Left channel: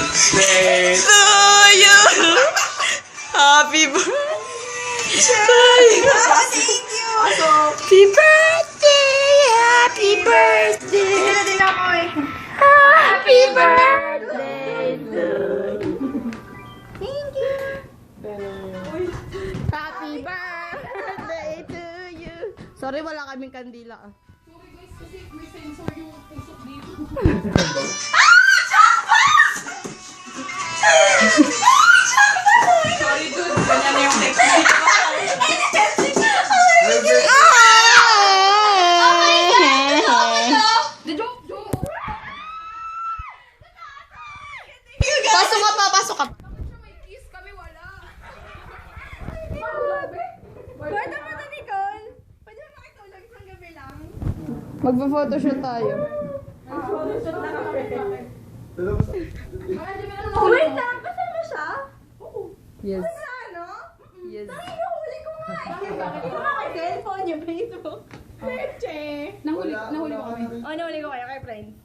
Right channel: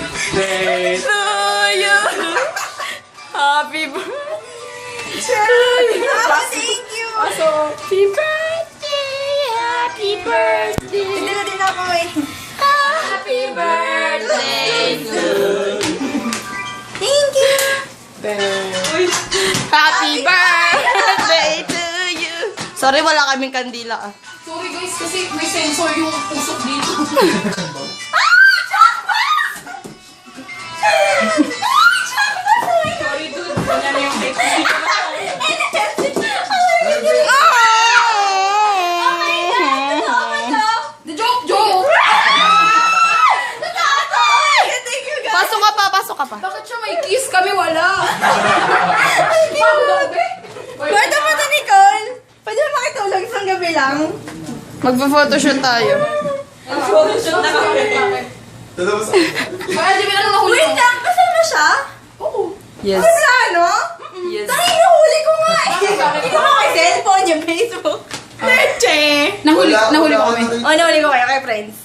Birthday to you. Happy birthday. Thank you! Happy birthday. Happy birthday. Sinila din ako eh. Happy birthday to Thank you! Happy birthday to you. Sorry, wala kaming kandila ah. Sorry guys, kasi may sensor yung usok dito. Sorry dude, ganyan na yung technique. The joke! Thank you guys! Pasok ka pa, pasok ka pa. Bakit siya may kiss kami wala? Pwede mo na, Nicole! Pwede mo makitulog isang gabi lang? Magpa-photoshoot tayo. Kaya di ba lang nahuli Wait mo? lang! Kasama siya? Oo. Yes. Wala, no? Yes. Dahil nahuli ko nga eh! Ito mo kay cellphone yung Facebook. Leche! Nahuli ko kami. Oh, nahuli ko kayo kay friends.